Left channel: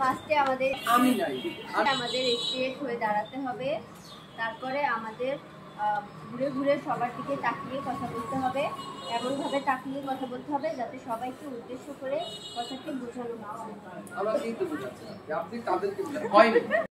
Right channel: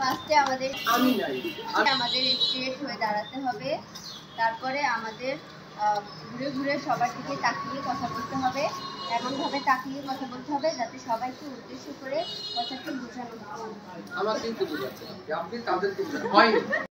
ফার্স্টে আমাদের স্ট্রেট হয়ে দাঁড়াতে হবে, তারপরে আমাদের ঘুরে ঘুরে সবার দিকে তাকিয়ে কথা বলতে হবে, এমনভাবে তাকিয়ে কথা বলতে হবে যাতে সবাইকে উদ্দেশ্য করে কথাটি বোঝানো হয়।